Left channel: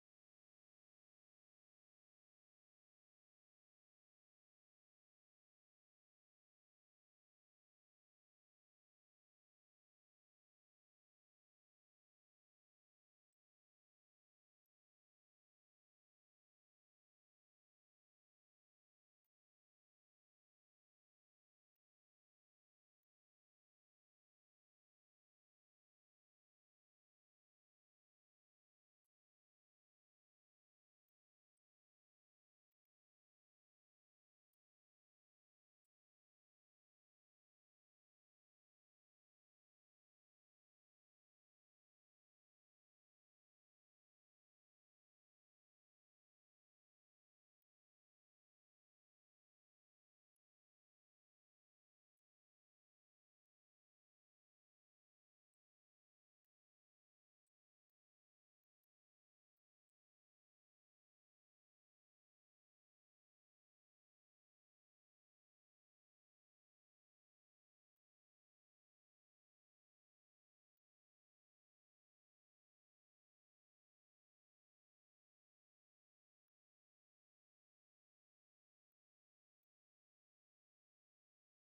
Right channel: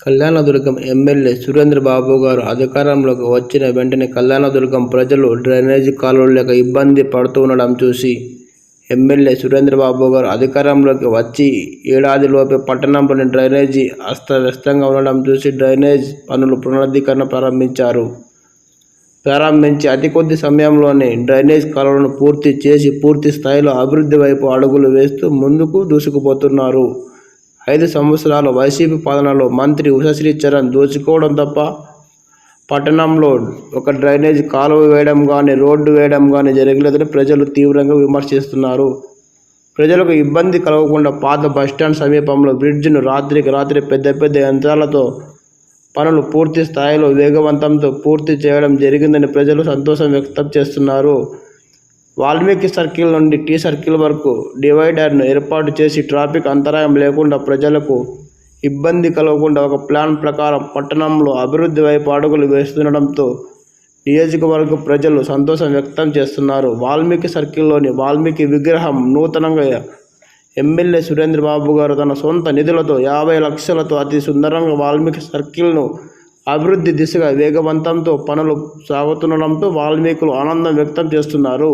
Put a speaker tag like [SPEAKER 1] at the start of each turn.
[SPEAKER 1] Kalyandurg MLA Surendra Babu గారు అధికారంలోకి వచ్చిన వెంటనే కళ్యాణదుర్గం ప్రజలు డ్రైనేజీ కాలువలు లేక ఇబ్బంది పడుతుండడం చూసి ఎమ్మెల్యే సురేంద్రబాబు గారు అధికారంలోకి వచ్చి ఏడాదిలోపే పట్టణంలోని డ్రైనేజీ అస్తవ్యస్తంగా ఉండడం చూసి డ్రైనేజ్ పనులు పునరుద్ధీకరణ ప్రారంభించారు. ప్రారంభించి అతి కొద్ది సమయంలోనే డ్రైనేజ్ కాలువలను పూర్తి చేసి పూర్తి స్థాయిలో అభివృద్ధి వైపు అడుగులు వేస్తూ ముందుకు దూసుకుపోతున్నారు. ఐదు సంవత్సరాల వైసీపీ పాలనలో మంత్రి ఉషశ్రీ చరణ్ దోచుకోవడం తప్ప పట్టణంలో ఒక డ్రైనేజ్ కాలువ వేయడం కానీ రోడ్డు వేయడం కానీ జరగలేదని ప్రజలు తీవ్రంగా విమర్శిస్తున్నారు. ప్రజలకు ఇబ్బంది కలగకుండా పాత బస్టాండ్ సమీపంలో బ్రిడ్జ్ను రాత్రికి రాత్రి పెద్ద పెద్ద యంత్రాలతో పనులు పూర్తి స్థాయిలో వేగవంతంతో పూర్తి చేయడం జరిగిందని ప్రజలు సంతోషం వ్యక్తం చేస్తున్నారు. వాల్మీకి సర్కిల్ నుండి టీ సర్కిల్ వరకు డివైడర్ను ఏర్పాటు చేసి ట్రాఫిక్ అంతరాయం లేకుండా ప్రజలకు ఇబ్బంది కలగకుండా ఒక ప్లాన్ ప్రకారం పట్టణంలో అభివృద్ధి వైపు అడుగులు వేస్తుండడంతో నియోజకవర్గ ప్రజలు సంతోషం వ్యక్తం చేస్తున్నారు. వాల్మీకి సర్కిల్లోని వాల్మీకి విగ్రహం నూతనంగా ఎమ్మెల్యే సురేంద్రబాబు గారు తన సొంత నిధులతో యాభై లక్షలతో అతి సుందరంగా వాల్మీకి సర్కిల్ను అభివృద్ధి దిశగా వేగవంతంతో పనులు సాగుతుండడంతో వాల్మీకులు ఆనందం వ్యక్తం చేస్తున్నారు.